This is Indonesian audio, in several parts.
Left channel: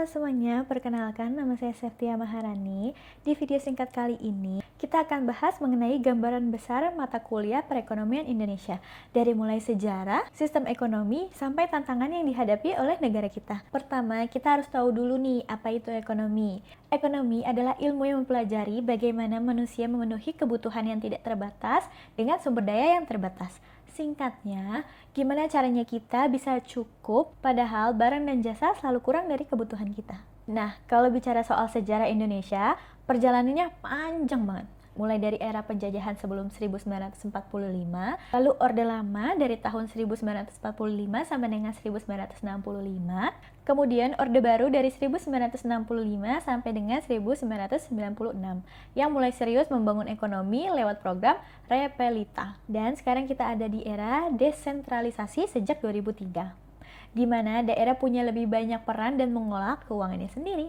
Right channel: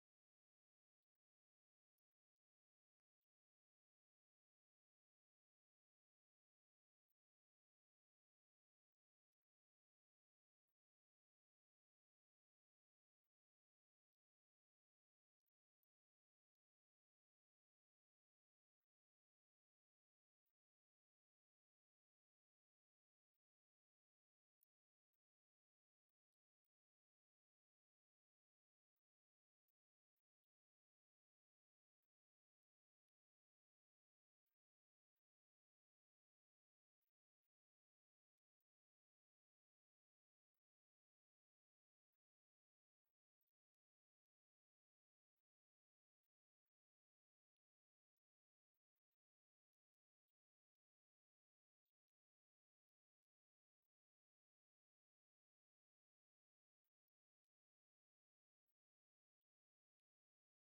Halo semuanya, perkenalkan nama saya Septia Maharani. Di video singkat kali ini, kita akan bahas mengenai gambaran besar mata kuliah perekonomian Indonesia. Dari mulai sejarah, sistem ekonomi, sampai tantangan yang dihadapi oleh negara kita. Pertama, kita harus tahu dulu nih, apa itu ekonomi. Ekonomi adalah ilmu yang mempelajari bagaimana manusia memenuhi kebutuhan yang tidak terbatas dengan sumber daya yang terbatas. Singkatnya, gimana caranya kita bisa cukup padahal barang dan jasa selalu kurang dari kebutuhan kita. Nah, kalau bicara soal sejarah Indonesia, perjalanannya panjang banget. Mulai dari era penjajahan sebelum 1945, lalu Orde Lama dari tahun 1945 sampai dengan 1965, kemudian Orde Baru dari 1965 sampai dengan 1996, yang mulai serius membangun ekonomi lewat program Repelita. Dan sekarang kita ada di era desentralisasi sejak 2003, di mana daerah punya lebih banyak peran dan mengolah keuangannya sendiri.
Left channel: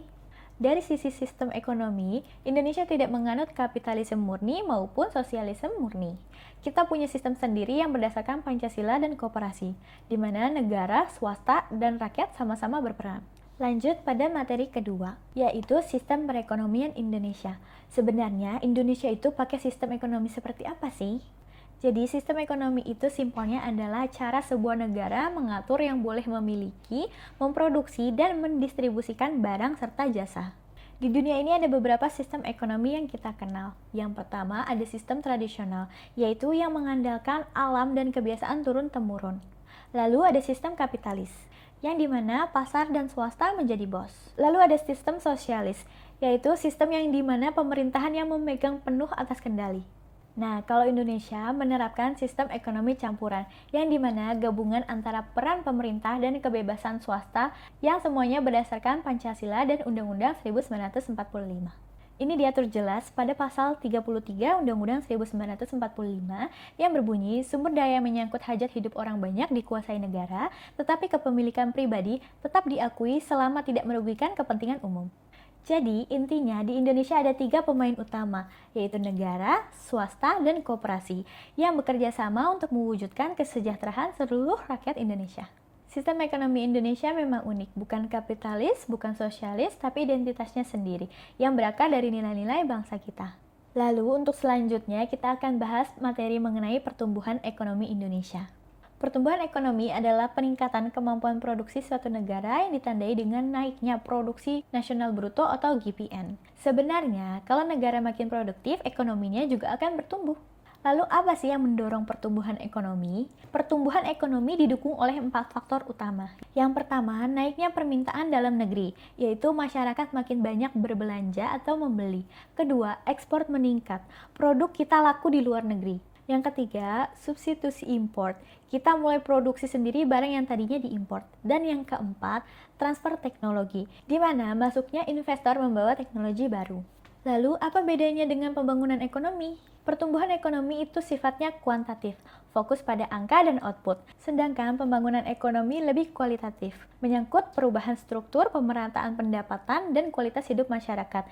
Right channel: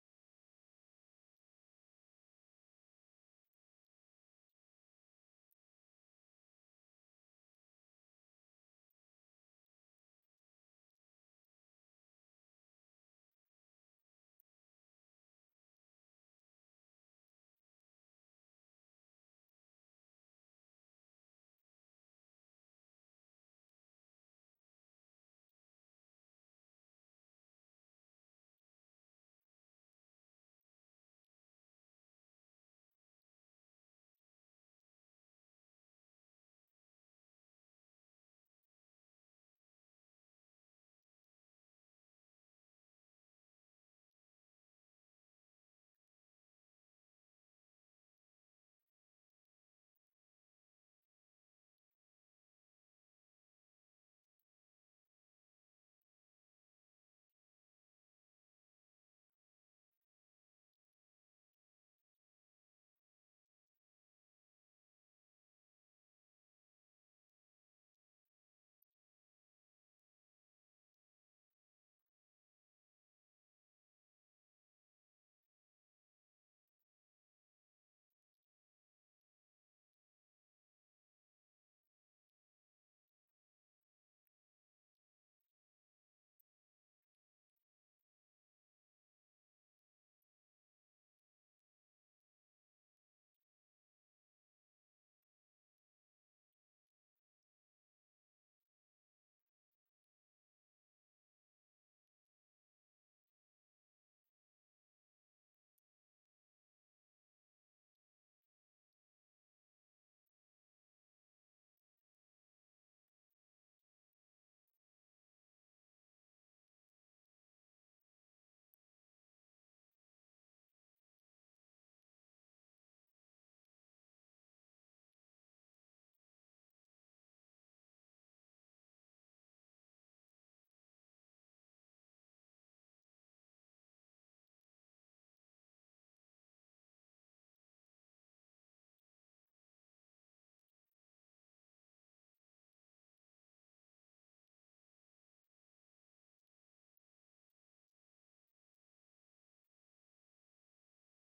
Dari sisi sistem ekonomi, Indonesia tidak menganut kapitalisme murni maupun sosialisme murni. Kita punya sistem sendiri yang berdasarkan Pancasila dan koperasi, di mana negara, swasta, dan rakyat sama-sama berperan. Lanjut pada materi kedua, yaitu sistem perekonomian Indonesia. Sebenarnya, Indonesia itu pakai sistem ekonomi seperti apa sih? Jadi, sistem ekonomi itu simpelnya adalah cara sebuah negara mengatur yang boleh memiliki, memproduksi, dan mendistribusikan barang serta jasa. Di dunia ini ada beberapa sistem ekonomi yang kita kenal. Yang pertama ada sistem tradisional, yaitu yang mengandalkan alam dan kebiasaan turun-temurun. Lalu ada sistem kapitalis, yang dimana pasar dan swasta menjadi bos. Lalu ada sistem sosialis, yaitu sistem yang dimana pemerintahan yang memegang penuh atas kendali. Nah, kalau Indonesia menerapkan sistem ekonomi campuran, yang dimana gabungan antara peran pemerintah dan kebebasan swasta yang semuanya berdasarkan Pancasila dan Undang-Undang 1945. Ini diatur jelas pada pasal 33 Undang-Undang 1945 yang berbunyi sumber daya menyangkut hajat hidup orang banyak dikuasai negara, tetapi kepemilikan pribadi tetap diakui selama tidak merugikan kepentingan umum. Jadi, intinya di Indonesia ada 3 pemain utama, yaitu negara, swasta, dan koperasi, yang bekerja sama untuk mewujudkan kesejahteraan seluruh rakyat Indonesia. Sistem ekonomi Indonesia memang unik, bukan kapitalis, bukan sosialis, tapi identitasnya sendiri, yang berakar dari nilai-nilai bangsa kita. Lalu, untuk selanjutnya, kita akan bahas materi mengenai pertumbuhan ekonomi Indonesia. Pertumbuhan ekonomi adalah peningkatan kemampuan produksi suatu negara yang ditandai dengan naiknya produksi nasional bruto atau GPN. Sebenarnya, kalau negara makin produktif, ekonominya juga akan bertumbuh. Lalu apa sih yang mendorong pertumbuhan ekonomi? Pertumbuhan ekonomi didukung oleh 4 faktor utama. Yang pertama, naiknya permintaan dalam negeri, yaitu masyarakat makin banyak berbelanja atau membeli. Kedua, ekspor meningkat, produk kita laku di luar negeri. Yang ketiga, substitusi import. Kita mulai produksi sendiri barang yang tadinya diimport. Dan yang keempat, transfer teknologi, di mana masuknya investor membawa teknologi baru. Lalu, apa bedanya dengan pembangunan ekonomi? Pertumbuhan ekonomi itu sifatnya kuantitatif, fokus pada angka dan output. Sedangkan pembangunan ekonomi lebih kualitatif, menyangkut perubahan struktur, pemerataan pendapatan, dan kualitas hidup masyarakat.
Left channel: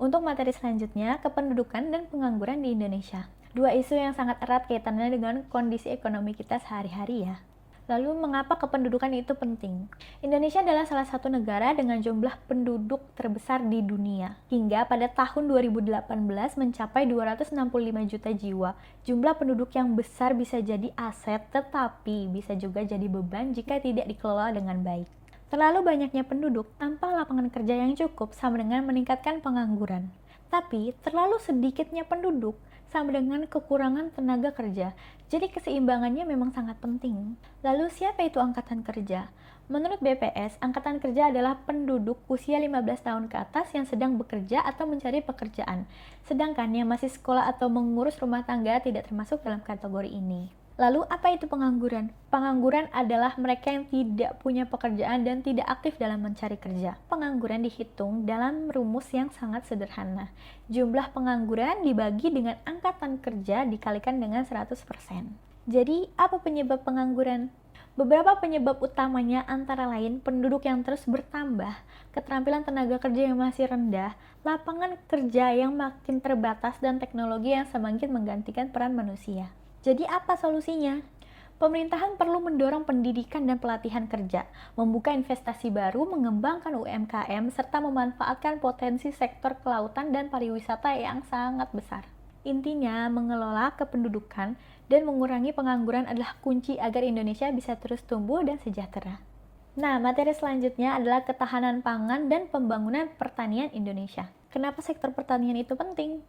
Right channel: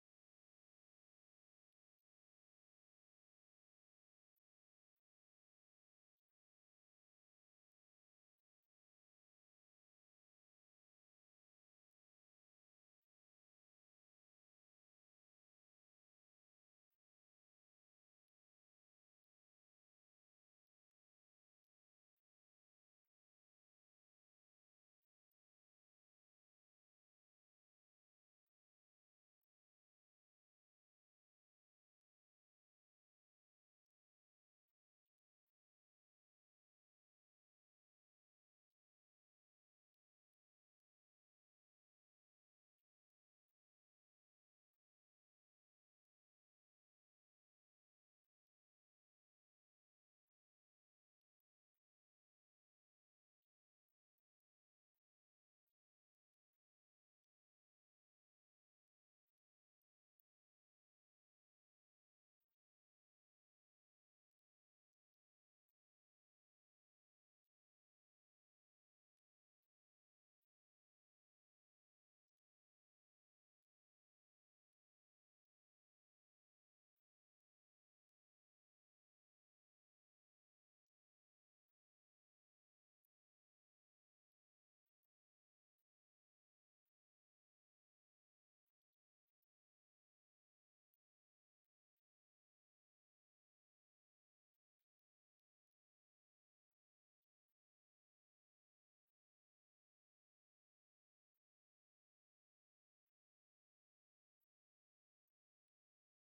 Untuk materi selanjutnya, kependudukan dan pengangguran di Indonesia. 2 isu yang sangat erat kaitannya dengan kondisi ekonomi kita sehari-hari ya. Lalu, mengapa kependudukan itu penting? Indonesia adalah salah satu negara dengan jumlah penduduk terbesar di dunia. Hingga pada tahun 2018 mencapai 265 juta jiwa. Jumlah penduduk yang besar bisa jadi aset, tetapi bisa juga jadi beban jika tidak dikelola dengan baik. Terlalu banyaknya penduduk tanpa lapangan kerja yang cukup sama dengan meningkatkan pengangguran. Tapi, terlalu sedikitnya penduduk sama dengan kekurangan tenaga kerja. Jadi keseimbangannya memang sangat penting. Lalu siapa itu angkatan kerja? Menurut BPS, angkatan kerja adalah penduduk usia 15 tahun ke atas yang sedang bekerja atau mencari pekerjaan. Sedangkan yang masih sekolah atau mengurus rumah tangga tidak termasuk dalam kategori ini. Lalu apa itu pengangguran? Pengangguran adalah mereka yang tidak punya pekerjaan dan tidak aktif dalam mencari kerja. Pengangguran dihitung dalam rumus yang sangat sederhana. Jumlah pengangguran dibagi dengan angkatan kerja dikalikan dengan 100%. Jadi, apa penyebab pengangguran? Beberapa penyebab utamanya antara lain penduduk yang terus bertambah, keterampilan tenaga kerja yang masih rendah, lapangan kerja yang makin terbatas, dan teknologi yang semakin menggantikan peran manusia. Jadi apa solusinya? Pemerintahan perlu mendorong pendidikan dan pelatihan kerja, membuka investasi baru, mengembangkan UMKM, serta memanfaatkan potensi sektor kelautan dan pariwisata yang sangat besar. Intinya, mengelola kependudukan dan mengurangi pengangguran adalah kunci agar Indonesia bisa terus tumbuh dan sejahtera. Nah, materi selanjutnya adalah ketahanan pangan dan pembangunan pertanian Indonesia. Kenapa sektor pertanian itu penting?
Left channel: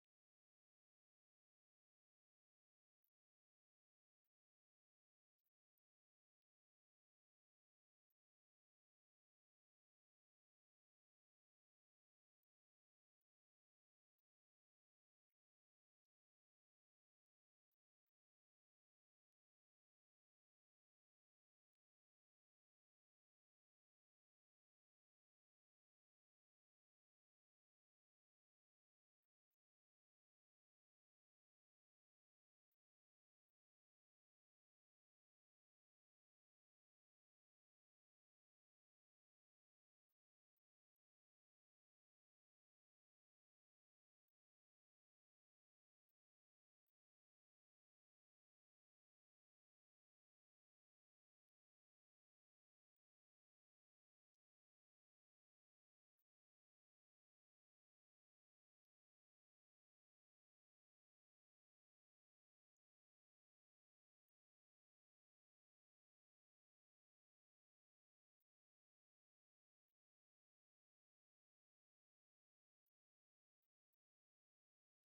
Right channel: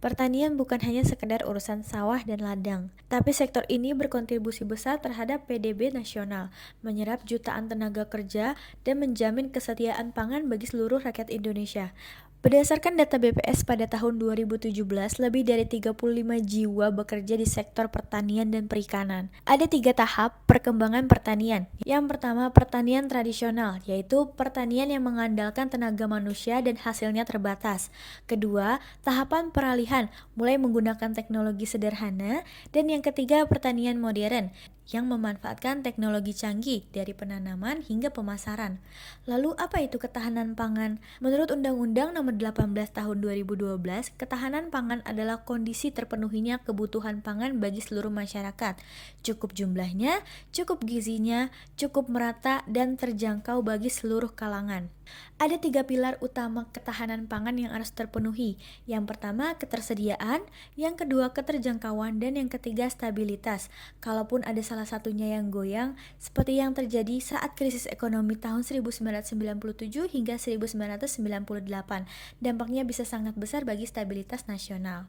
Pertanian bukan hanya sekedar urusan sawah dan ladang, tapi sektor ini berkontribusi besar terhadap PDB nasional, menyerap jutaan tenaga kerja, dan menjamin kesetiaan pangan bagi seluruh rakyat Indonesia. Berdasarkan data BPS pada tahun 2017, lebih dari 35 jiwa bekerja di sektor pertanian dan perikanan. Ada 3 tahap perkembangan pertanian. Yang pertama, pertanian tradisional, yaitu pertanian yang mengandalkan tenaga manusia dan hasilnya terbatas. Kedua, tahapan peralihan, mulai menggunakan teknologi sederhana. Dan yang ketiga, pertanian modern, yang memanfaatkan teknologi canggih dari penanaman hingga pemasaran. Lalu apa itu ketahanan pangan? Menurut Undang-Undang Nomor 18 Tahun 2012, ketahanan pangan adalah kondisi terpenuhinya kebutuhan pangan bagi seluruh masyarakat. Cukup jumlahnya, cukup gizinya, cukup merata dan terjangkau bagi seluruh kalangan. Ada 3 pilar utama ketahanan pangan yang harus terpenuhi. Yang pertama, ketersediaan, yang kedua, keterjangkauan, dan yang ketiga, stabilitas. Kalaupun ada salah satunya yang goyang, seperti yang terjadi saat krisis ekonomi tahun 1997 hingga 1998, dampaknya bisa sangat besar bagi stabilitas nasional.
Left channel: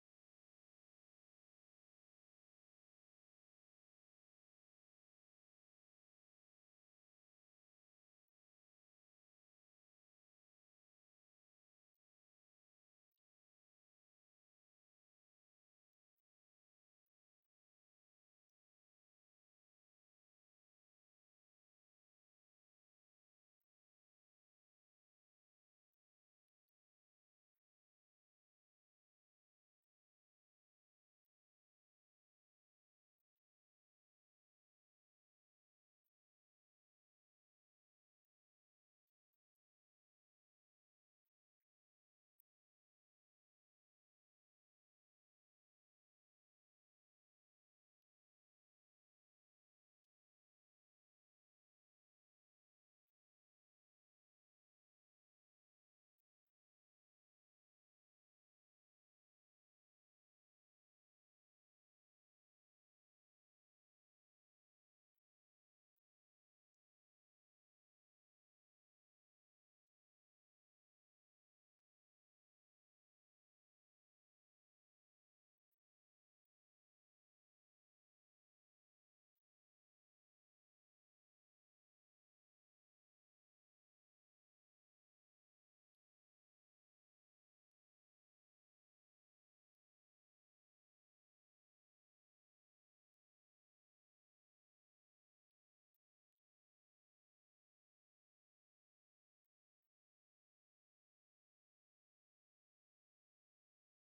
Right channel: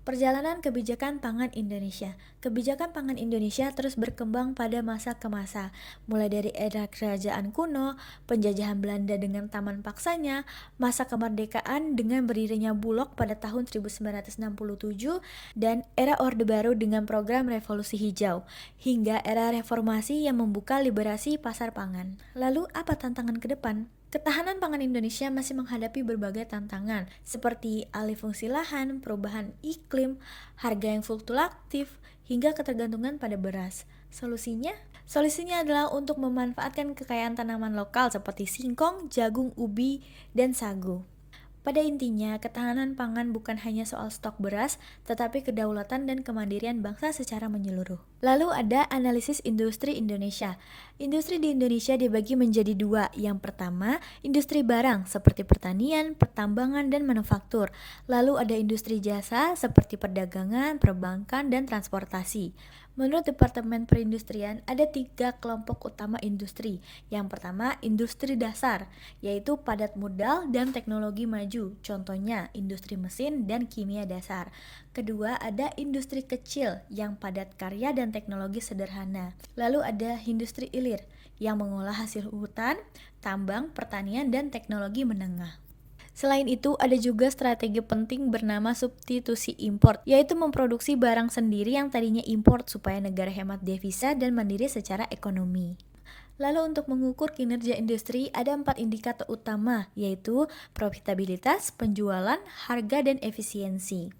Perjalanan kebijakan pangan Indonesia. Kebijakan pangan Indonesia terus berkembang pada masa ke masa, mulai dari era kerajaan kuno, penjajahan Belanda dengan taman paksanya, masa kemerdekaan dengan berdirinya Bulog pada tahun 1967, dan era Orde Baru dengan program Revolusi Hijau, hingga era reformasi yang membuka liberasi pasar pangan. Lalu apa tantangan ke depan? Ketahanan pangan Indonesia masih menghadapi berbagai tantangan, seperti alih fungsi lahan, perubahan iklim, harga yang fluktuatif, hingga ketergantungan pada beras. Solusinya? Solusinya adalah untuk memanfaatkan kekayaan tanaman lokal seperti singkong, jagung, ubi, dan sagu. Pada intinya, ketahanan pangan bukan hanya soal stok beras, tetapi kedaulatan dan kemandirian bangsa secara menyeluruh. Lalu ada analisis industri Indonesia. Industri di Indonesia dibagi menjadi 2. Yang pertama, industri barang seperti pertanian, pertambangan, dan manufaktur. Lalu ada industri jasa seperti perdagangan, perbankan, dan transportasi. Menurut Departemen Perindustrian, ada 3 kelompok utama industri. Yang pertama, industri dasar, yaitu padat modal dan teknologi maju, contohnya industri mesin dan kimia dasar. Kedua, ada industri kecil yang padat karya dan teknologi sederhana. Lalu ada industri hilir, yang mengolah hasil hutan, tambang, pertanian, dan teknologi menengah. Selain itu, ada juga strategi penting bernama substitusi import, yaitu memproduksi barang sendiri yang tadinya import supaya negara hemat devisa dan mandiri secara ekonomi. Lalu untuk mengukur kinerja industri, ada 4 indikator utama, yaitu profitabilitas, penjualan, harga, dan efisiensi.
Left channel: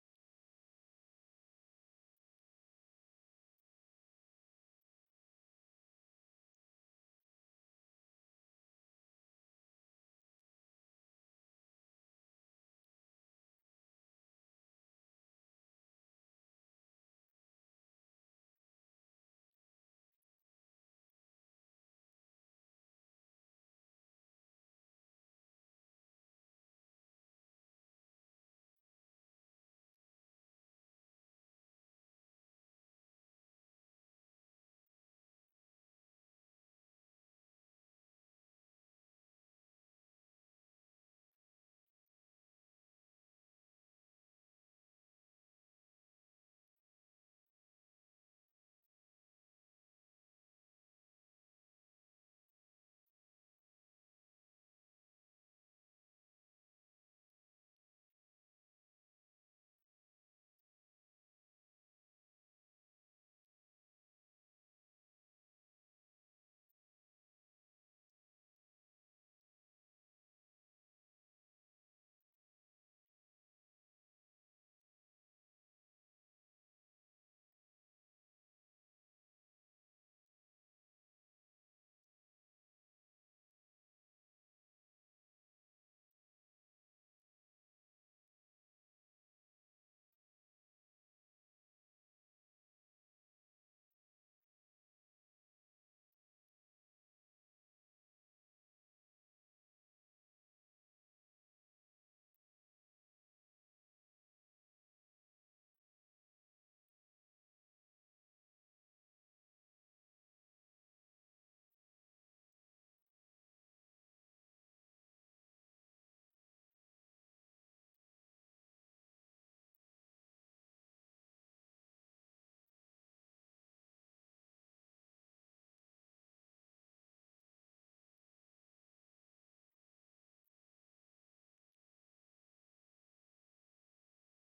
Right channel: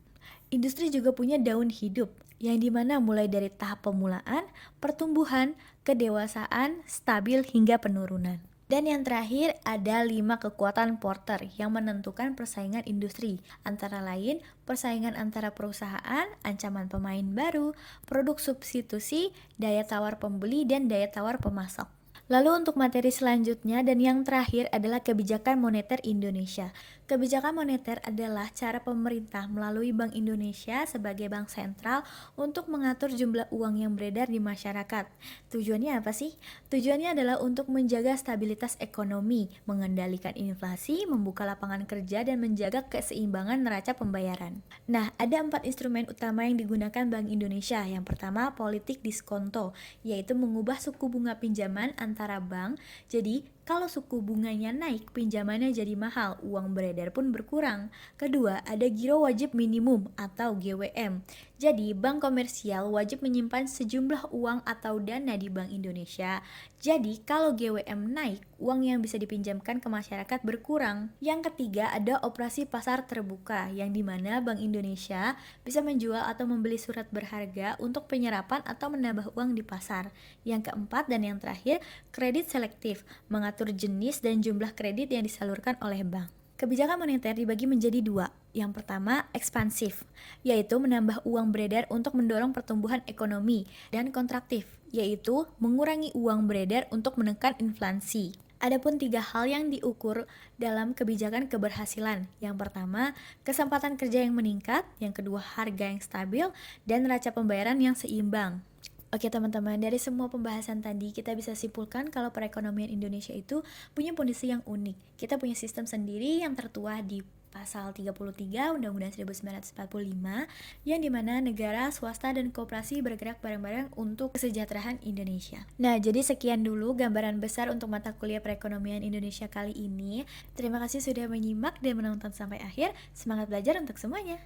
Industri juga punya daun hidup, yang dimana mulai dari tahap pemulaan, pertumbuhan, kedewasaan, stabil, hingga penurunan. Dan yang terakhir ada 5 kekuatan Porter yang menentukan persaingan industri, antara lain persaingan antara perusahaan, ancaman pemain baru, produk substitusi, daya tawar pembeli, dan daya tawar pemasok. Lalu untuk materi selanjutnya dan yang terakhir adalah kebijakan moneter Indonesia. Kebijakan moneter adalah cara pemerintah melalui Bank Indonesia sebagai bank sentral untuk mengatur jumlah uang yang beredar di masyarakat. Tujuannya apa sih? Tujuannya adalah untuk menjaga stabilitas ekonomi, mengendalikan inflasi, membuka lapangan kerja, dan menjaga keseimbangan neraca pembayaran. Nah, ada 4 instrumen utama yang digunakan Bank Indonesia. Yang pertama, politik diskonto, yaitu mengubah suku bunga pinjaman antara bank. Jadi, kalau suku bunganya naik, pinjamannya jadi mahal, uang beredar pun berkurang. Kedua, ada giro wajib minimum atau GWM. Jadi, bank komersial wajib menyimpan sejumlah uang atau dana di Bank Indonesia. Jadi, kalau GWM naik, uang yang bisa dipinjamkan ke masyarakat berkurang. Yang ketiga, ada operasi pasar terbuka, yang dimana Bank Indonesia bisa menjual atau membeli surat berharga untuk penyerapan atau menambah uang di pasar. Yang keempat dan yang terakhir, kredit selektif, mengatur jenis dan jumlah kredit yang disalurkan oleh bank. Kebijakan moneter dibagi menjadi 2. Yang pertama, ekspansif, yaitu menambah uang beredar untuk mendorong pertumbuhan ekonomi, dan kontraktif, yaitu mengurangi uang beredar untuk menekan inflasi. Adapun 3 hal yang diukur dalam kebijakan keberhasilan. Yang pertama, kesempatan kerja yang meningkat, yang kedua, harga yang stabil, dan neraca pembayaran yang seimbang. Oke teman-teman, dari semua pembahasan tadi kita bisa simpulkan kalau perekonomian Indonesia itu punya kondisi yang unik. Kita punya sistem sendiri yang tertuang di Pasal 33 Undang-Undang 1945 yang dimana negara, swasta, dan koperasi bergerak bareng-bareng untuk kesejahteraan Indonesia. Nah, jadi sekian dulu gambaran besar untuk mata kuliah perekonomian Indonesia kali ini. Terima kasih sudah menyimak dan menonton sampai akhir. Semangat belajar untuk semuanya!